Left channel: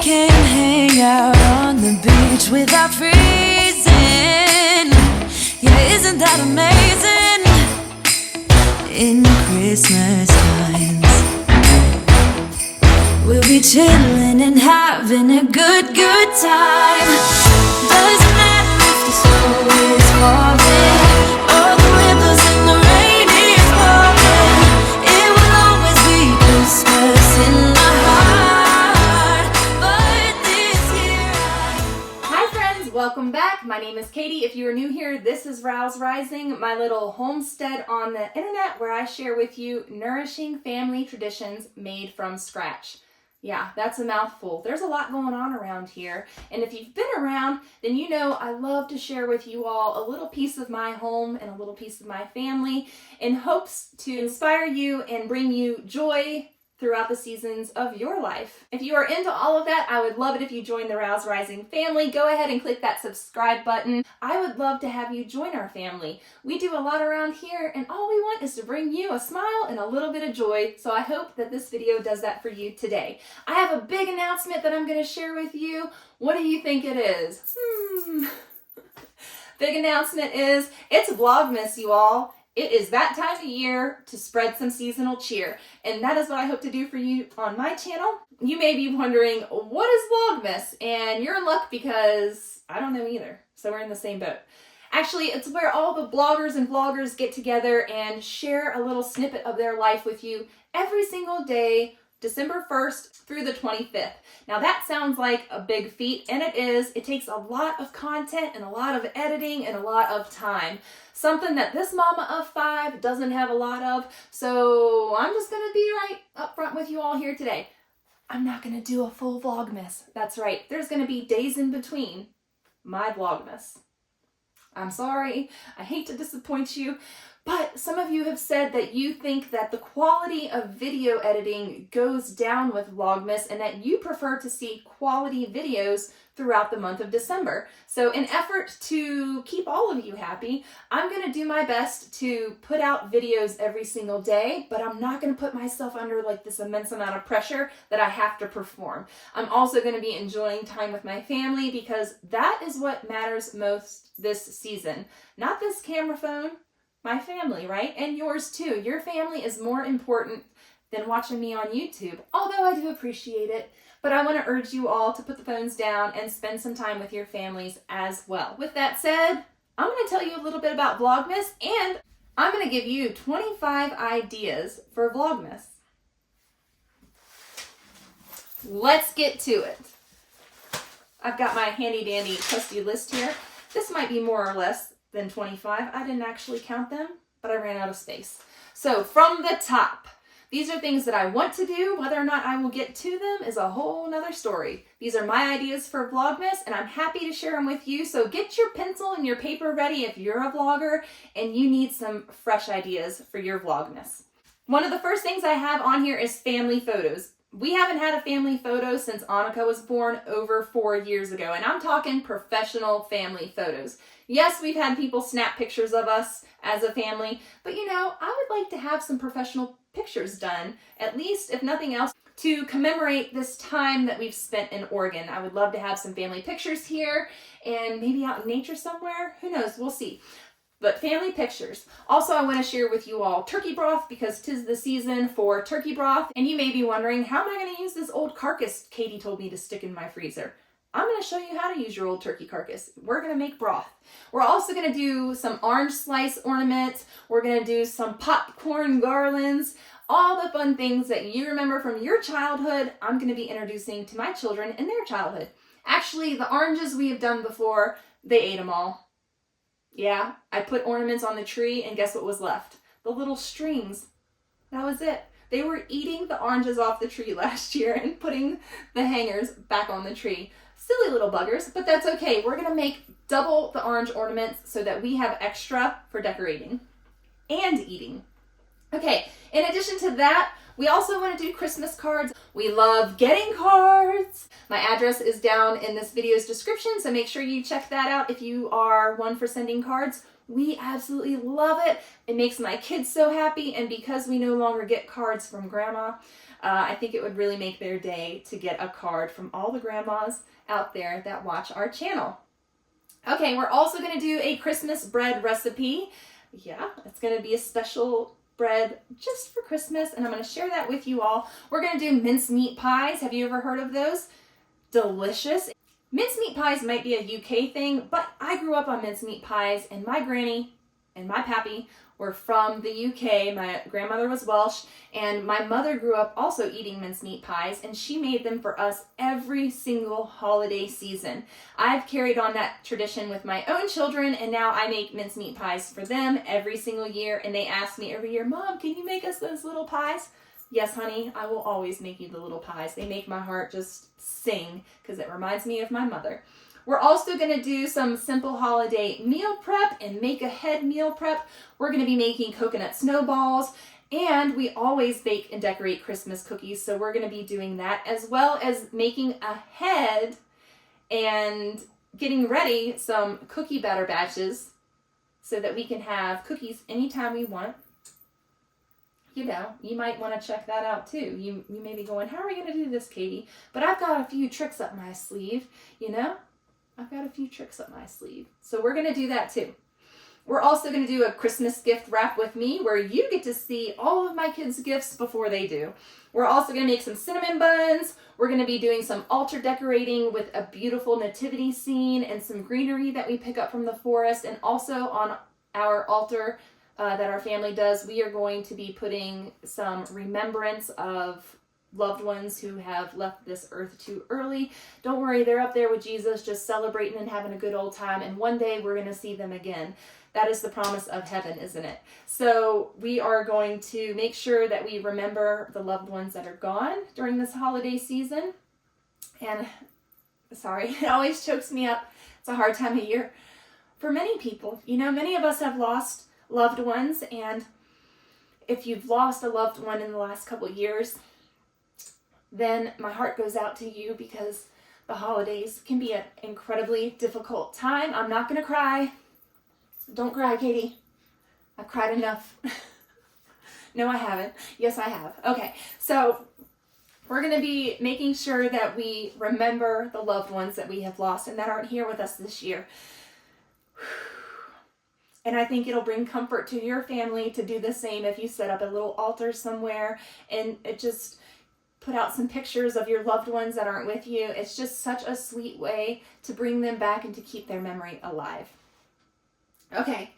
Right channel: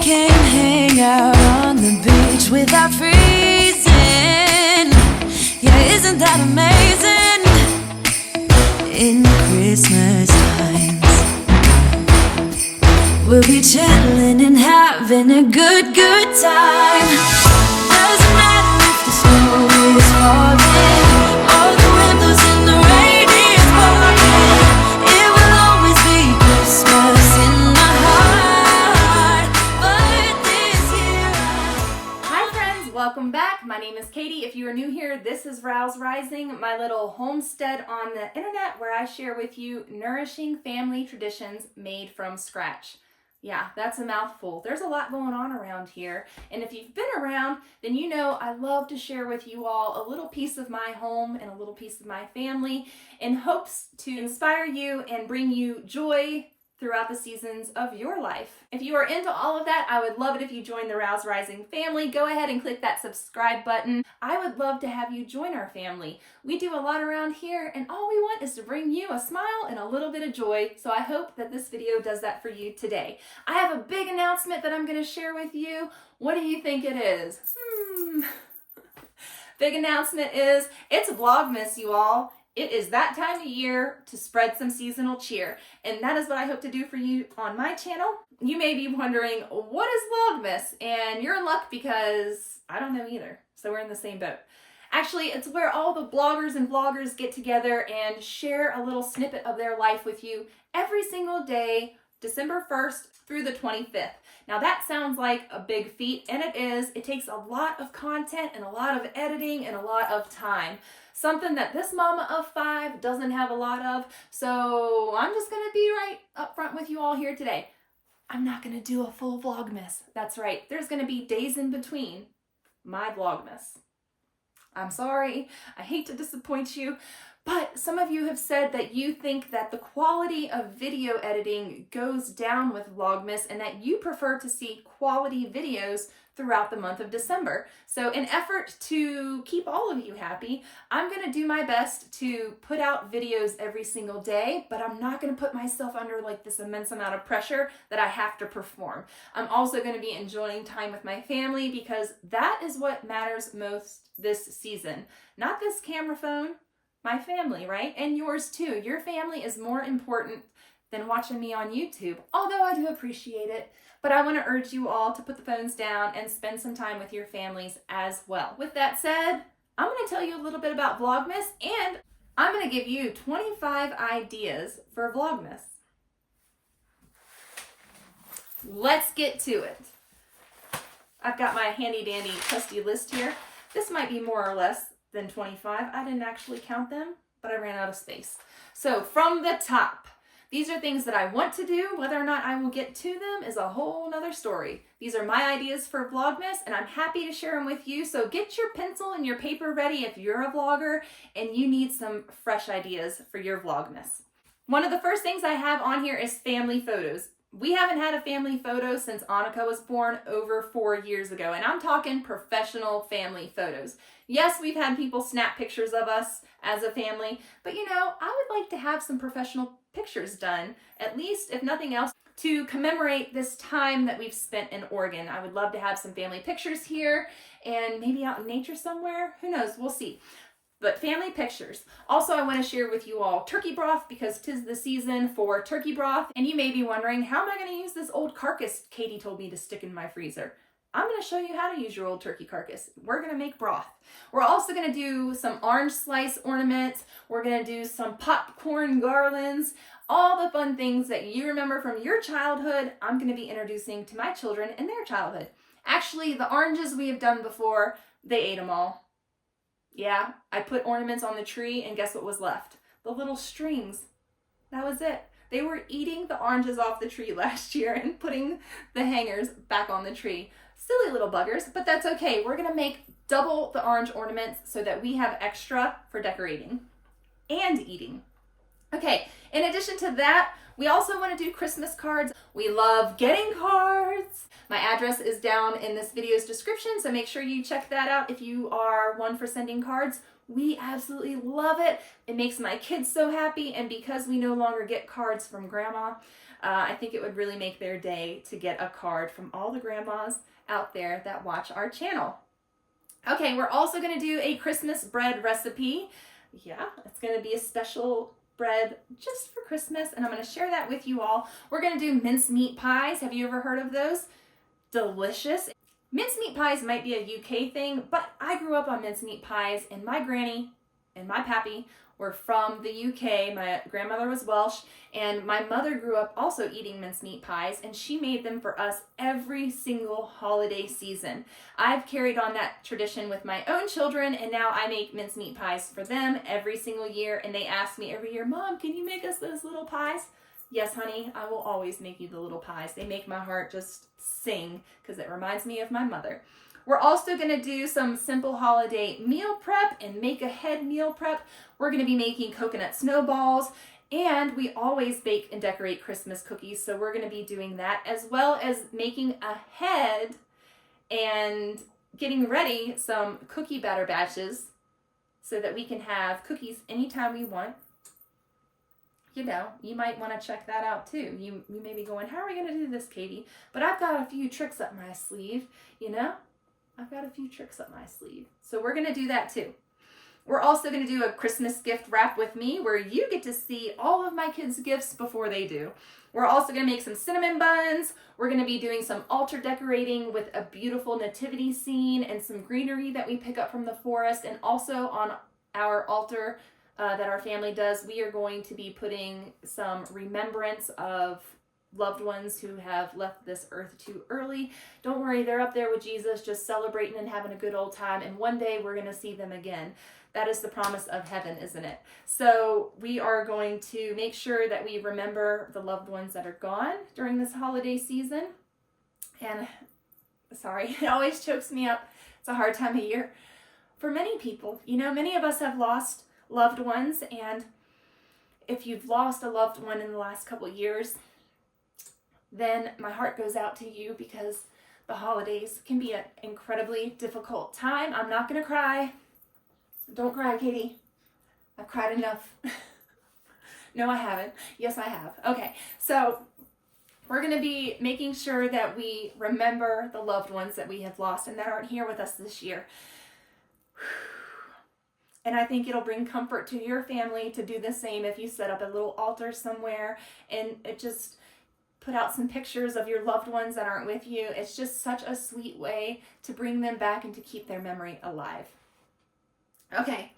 can hang out on the beach without freezing. Yeah, isn't that amazing? In Christmas times, we'll be chilling and having a good time. Doesn't matter if the snow is falling or the wind blows and the rain is pouring. It will always be Christmas in my heart. But this year Hi friends, welcome back. My name is Katie. If you are new here, this is Rouse Rising, my little homestead on the internet where I share with you nourishing family traditions made from scratch. Yeah, that's a mouthful. There's a lot going on around here. And if you've been around, then you know I love to share with you all a little piece of my home and a little piece of my family in hopes to inspire you and bring you joy throughout the seasons of your life. If you are into all of that, I would love it if you join the Rouse Rising family. Go ahead and click that subscribe button. I would love to have you join our family. We do a lot around here, and all we want is to bring you a smile and a little bit of joy. So I hope that this video does that for you today. I have a big announcement that I'm going to share with you. What do you think it is? Big announcement is it's Vlogmas, you all. It is that time of year to spread some seasonal cheer, and that is what I hope to do for you on my channel. You may be wondering, what is Vlogmas? And you're in luck because I don't know either, so we're in the same boat. Actually, it's where all the bloggers and vloggers get together and share a little snippet of their life with you every single day, December 1st through the 25th. Now that sounds like a big feat, and it is. It takes a lot of content and a lot of editing and a lot of time. Something that this mama of 5 doesn't have a lot of, so I'm just gonna be right up front with you all here today. I'm not gonna do a full Vlogmas. That's right, there's gonna be days in between my Vlogmas. I'm sorry, I hate to disappoint you, but some of you have said that you think that the quality of video editing goes down with Vlogmas and that you prefer to see quality videos throughout the month of December. So in effort to keep all of you happy, I'm going to do my best to put out videos every single day, but I'm not going to put myself under like this immense amount of pressure that I have to perform. I'm also going to be enjoying time with my family because that is what matters most this season. Not this camera phone, my family, right? And yours too. Your family is more important than watching me on YouTube, although I do appreciate it. But I want to urge you all to put the phones down and spend some time with your families as well. With that said, I'm going to tell you a little bit about Vlogmas, and I'm going to give you 25 ideas for Vlogmas. Let's get to it. I've got my handy dandy trusty list here. This might be more or less than 25. I didn't actually count them, but I ran out of space. So from the top, these are things that I want to do. Whether or not I will get to them is a whole nother story. These are my ideas for Vlogmas, and I'm happy to share them with you. So get your pencil and your paper ready if you're a vlogger and you need some fresh ideas for your Vlogmas. One of the first things I have on here is family photos. We haven't had a family photo since Annika was born over 4 years ago, and I'm talking professional family photos. Yes, we've had people snap pictures of us as a family, but you know, I would like to have some professional pictures done, at least if nothing else, to commemorate this time that we've spent in Oregon. I would love to have some family pictures here and maybe out in nature somewhere. Who knows? We'll see. But family pictures. Also, I want to share with you all turkey broth because 'tis the season for turkey broth. And you may be wondering, how am I going to use this old carcass Katie told me to stick in my freezer? I'm going to show you how to use your old turkey carcass. We're going to make broth. We're also going to do some orange slice ornaments. We're going to do some popcorn garlands. All the fun things that you remember from your childhood, I'm going to be introducing to my children in their childhood. Actually, the oranges we have done before, they ate them all. Yeah, I put ornaments on the tree and guess what was left? The little strings. That was it. They were eating the oranges off the tree last year and putting the hangers back on the tree. Silly little buggers, but that's okay. We're gonna make double the orange ornaments so that we have extra for decorating and eating. Okay, in addition to that, we also want to do Christmas cards. We love getting cards. My address is down in this video's description, so make sure you check that out if you are one for sending cards. We absolutely love it. It makes my kids so happy, and because we no longer get cards from Grandma, I think it would really make their day to get a card from all the grandmas out there that watch our channel. Okay, we're also going to do a Christmas bread recipe. Yeah, it's going to be a special bread just for Christmas, and I'm going to share that with you all. We're going to do mincemeat pies. Have you ever heard of those? Delicious. Mincemeat pies might be a UK thing, but I grew up on mincemeat pies, and my granny and my pappy were from the UK. My grandmother was Welsh, and my mother grew up also eating mincemeat pies, and she made them for us every single holiday season. I've carried on that tradition with my own children, and now I make mincemeat pies for them every single year, and they ask me every year, Mom, can you make us those little pies? Yes, honey, I will always make you the little pies. They make my heart just sing because it reminds me of my mother. We're also going to do some simple holiday meal prep and make ahead meal prep. We're going to be making coconut snowballs, and we always bake and decorate Christmas cookies, so we're going to be doing that, as well as making ahead and getting ready some cookie batter batches so that we can have cookies anytime we want. You know, you might want to check that out too. You may be going, how are we going to do this, Katie? But I've got a few tricks up my sleeve, you know? I've got a few tricks up my sleeve. So we're going to do that too. We're also going to do a Christmas gift wrap with me where you get to see all of my kids' gifts before they do. We're also going to make some cinnamon buns. We're going to be doing some altar decorating with a beautiful nativity scene and some greenery that we pick up from the forest. And also on our altar that our family does, we are going to be putting some remembrance of loved ones who have left this earth too early. Don't worry, they're up there with Jesus, just celebrating and having a good old time, and one day we're going to see them again. That is the promise of heaven, isn't it? So we are going to make sure that we remember the loved ones that are gone during this holiday season. And sorry, it always chokes me up. It's a hard time of year for many people. You know, many of us have lost loved ones, and if you've lost a loved one in the last couple of years, then my heart goes out to you, because the holidays can be an incredibly difficult time. I'm not going to cry. Don't cry, Katie. I've cried enough. No, I haven't. Yes, I have. Okay, so we're going to be making sure that we remember the loved ones that we have lost and that aren't here with us this year. And I think it'll bring comfort to your family to do the same if you set up a little altar somewhere and it just put out some pictures of your loved ones that aren't with you. It's just such a sweet way to bring them back and to keep their memory alive. Okay.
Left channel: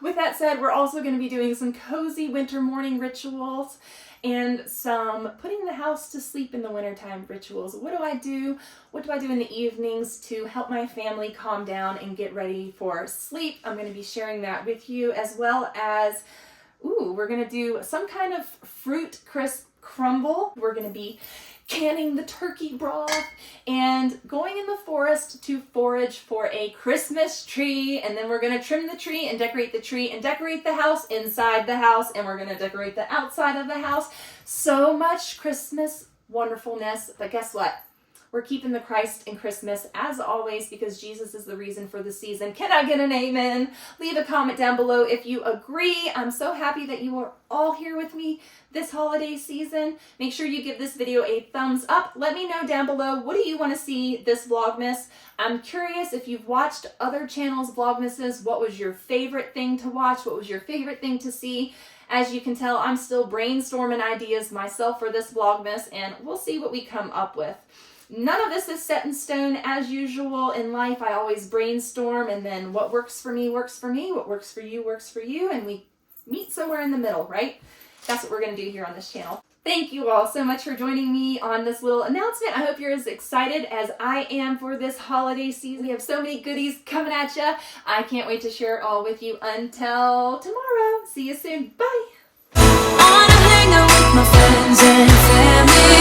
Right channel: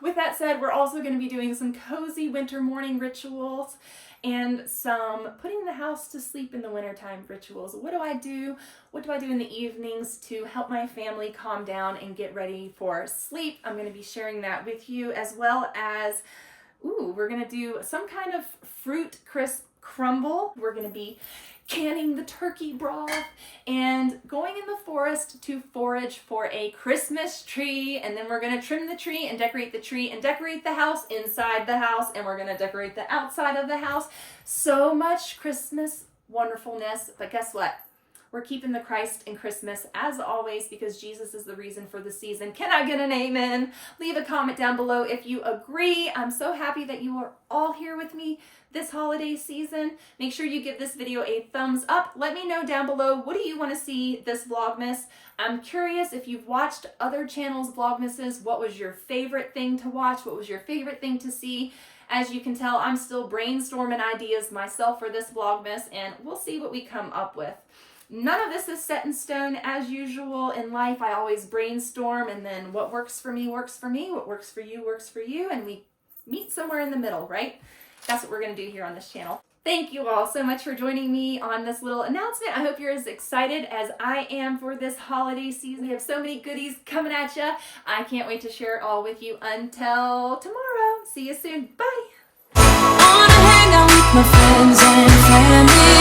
With that said, we're also going to be doing some cozy winter morning rituals and some putting the house to sleep in the wintertime rituals. What do I do? What do I do in the evenings to help my family calm down and get ready for sleep? I'm going to be sharing that with you, as well as, we're going to do some kind of fruit crisp crumble. We're going to be canning the turkey broth and going in the forest to forage for a Christmas tree, and then we're going to trim the tree and decorate the house inside the house, and we're going to decorate the outside of the house. So much Christmas wonderfulness, but guess what? We're keeping the Christ in Christmas as always, because Jesus is the reason for the season. Can I get an amen? Leave a comment down below if you agree. I'm so happy that you are all here with me this holiday season. Make sure you give this video a thumbs up. Let me know down below, what do you want to see this Vlogmas? I'm curious if you've watched other channels' Vlogmases. What was your favorite thing to watch? What was your favorite thing to see? As you can tell, I'm still brainstorming ideas myself for this Vlogmas, and we'll see what we come up with. None of this is set in stone. As usual in life, I always brainstorm, and then what works for me, what works for you, and we meet somewhere in the middle, right? That's what we're going to do here on this channel. Thank you all so much for joining me on this little announcement. I hope you're as excited as I am for this holiday season. We have so many goodies coming at you. I can't wait to share it all with you. Until tomorrow, see you soon. Bye. I wanna hang out with my friends and family.